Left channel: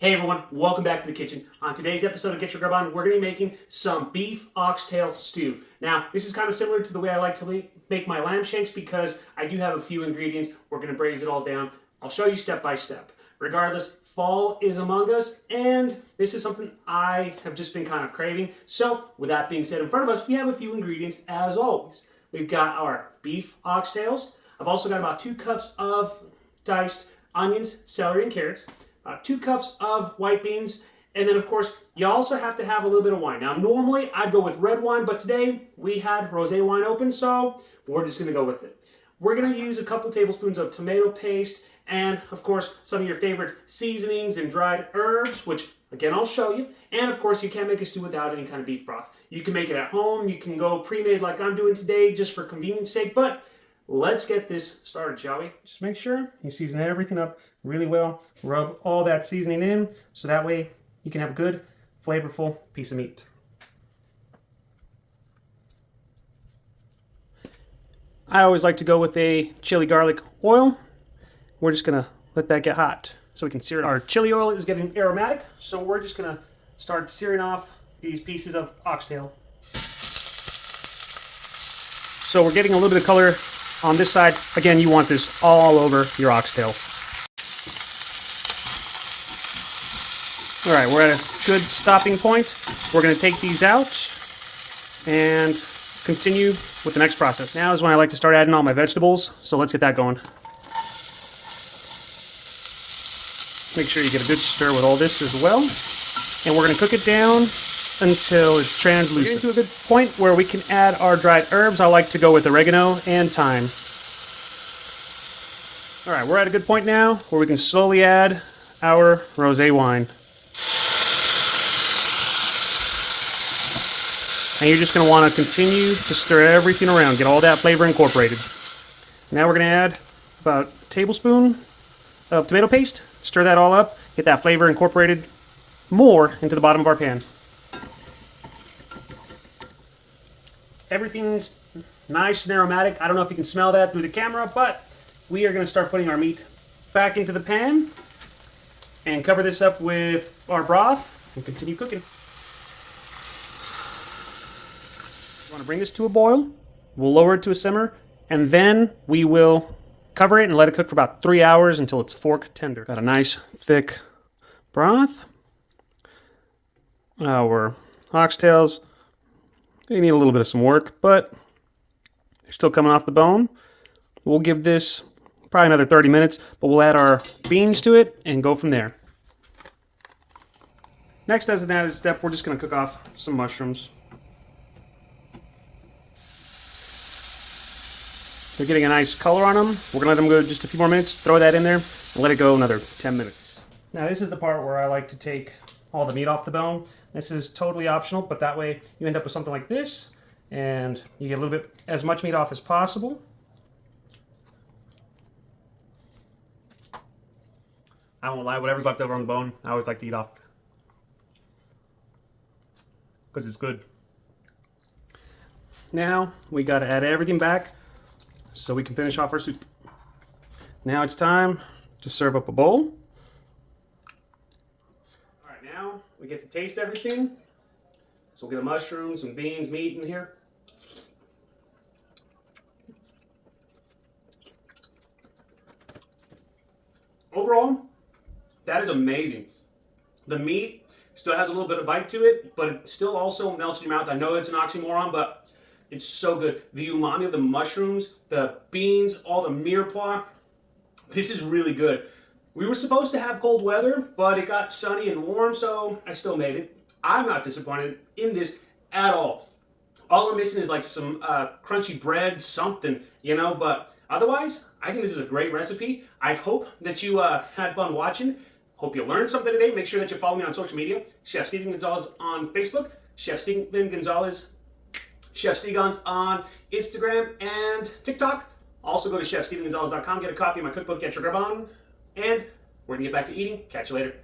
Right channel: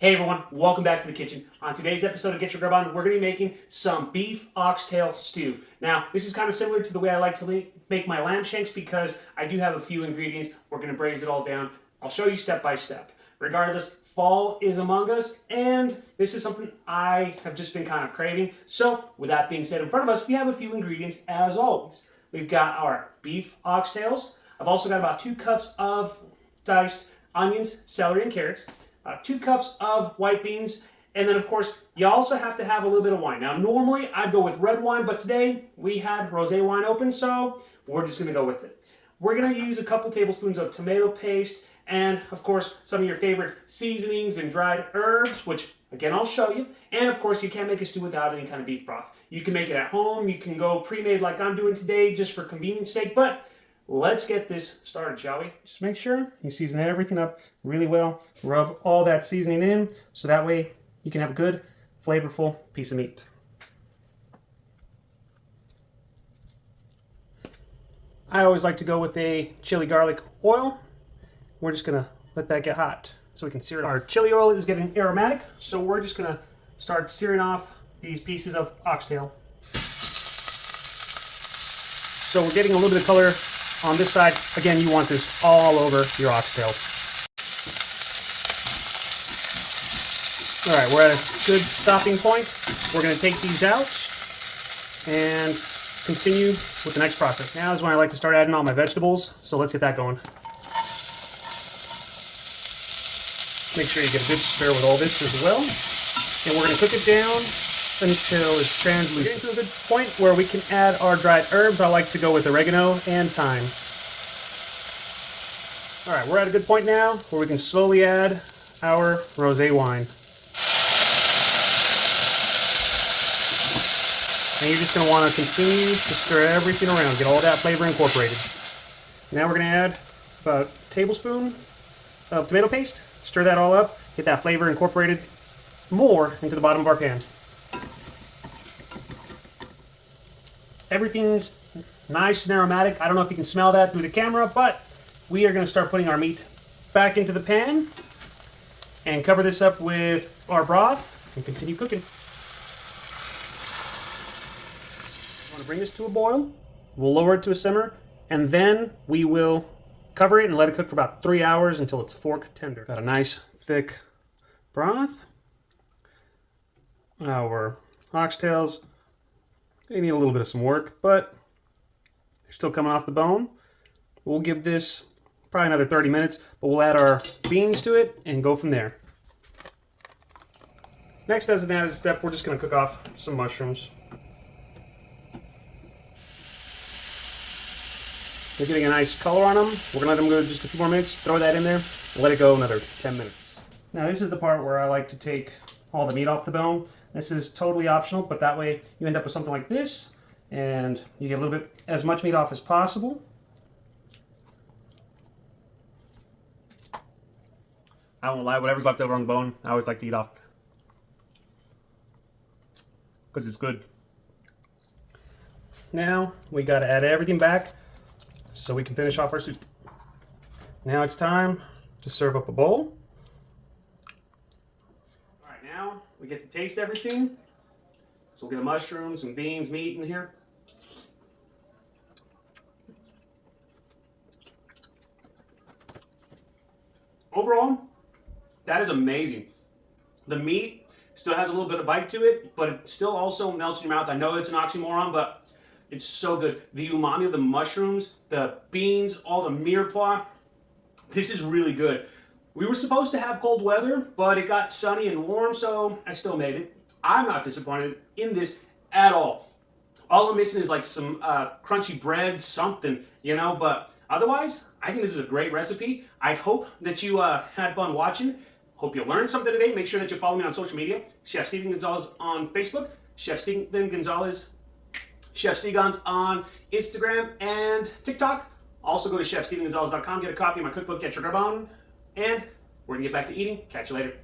Hey everyone, welcome back to the kitchen. On today's episode of Get Your Grub On, we're going to be making some beef oxtail stew. Now, this is kind of similar to the way I like to make my lamb shanks because I do have a few ingredients. We're going to braise it all down. I'll show you step by step. Regardless, fall is among us, and this is something I have just been kind of craving. So, with that being said in front of us, we have a few ingredients as always. We've got our beef oxtails. I've also got about 2 cups of diced onions, celery, and carrots. 2 cups of white beans, and then of course you also have to have a little bit of wine. Now normally I'd go with red wine, but today we had rosé wine open, so we're just going to go with it. We're going to use a couple tablespoons of tomato paste and of course some of your favorite seasonings and dried herbs, which again I'll show you. And of course you can't make a stew without any kind of beef broth. You can make it at home, you can go pre-made like I'm doing today just for convenience sake, but let's get this started, shall we? Just make sure you season everything up really well. Rub all that seasoning in so that way you can have a good, flavorful piece of meat. I always like to go with a chili garlic oil. We're just gonna let that get hot so we can sear it. Our chili oil is getting aromatic, so we're just gonna start searing off these pieces of oxtail. So we're getting a little bit of color on this side. Again, you want this all over your oxtail. All right, we're at a good stopping point. We're going to take these out and continue with the next process. Now is when I like to start adding all my vegetables, so let's get that going. Make sure you get a good stir with all this as well. And we're going to cook it down until it's translucent. We're getting to a good point where we can add our dried herbs. I like to go with oregano and thyme. All right, we're at a good point now where we can slowly add our rosé wine. And you're just going to want to continue to stir everything around, get all that flavor incorporated. Now we're going to add about a tablespoon of tomato paste. Stir that all up, get that flavor incorporated more into the bottom of our pan. Everything's nice and aromatic. I don't know if you can smell that through the camera, but we are going to start putting our meat back into the pan and cover this up with our broth and continue cooking. I'm going to bring this to a boil. We'll lower it to a simmer, and then we will cover it and let it cook for about 3 hours until it's fork tender. Got a nice thick broth. Our oxtails, they need a little bit of some work, but they're still coming off the bone. We'll give this probably another 30 minutes, but we'll add our beans to it and go from there. Next, as an added step, we're just going to cook off some mushrooms. They're getting a nice color on them. We're going to let them go just a few more minutes, throw that in there, and let it go another 10 minutes. Now, this is the part where I like to take all the meat off the bone. This is totally optional, but that way you end up with something like this, and you get a little bit, as much meat off as possible. I won't lie, whatever's left over on the bone, I always like to eat off. Because it's good. Now, we got to add everything back so we can finish off our soup. Now it's time to serve up a bowl. Alright, now we get to taste everything. So we'll get a mushroom, some beans, meat in here. Overall, that is amazing. The meat still has a little bit of bite to it, but it still also melts in your mouth. I know it's an oxymoron, but it's so good. The umami of the mushrooms, the beans, all the mirepoix. This is really good. We were supposed to have cold weather, but it got sunny and warm, so I still made it. I'm not disappointed in this at all. All I'm missing is like some crunchy bread, something, you know, but otherwise, I think this is a great recipe. I hope that you had fun watching. Hope you learned something today. Make sure that you follow me on social media. Chef Steven Gonzalez on Facebook. Chef Steven Gonzalez, Chef Stegons on Instagram and TikTok. Also go to chefstevengonzalez.com. Get a copy of my cookbook, Get Your Grub On. And we're going to get back to eating. Catch you later.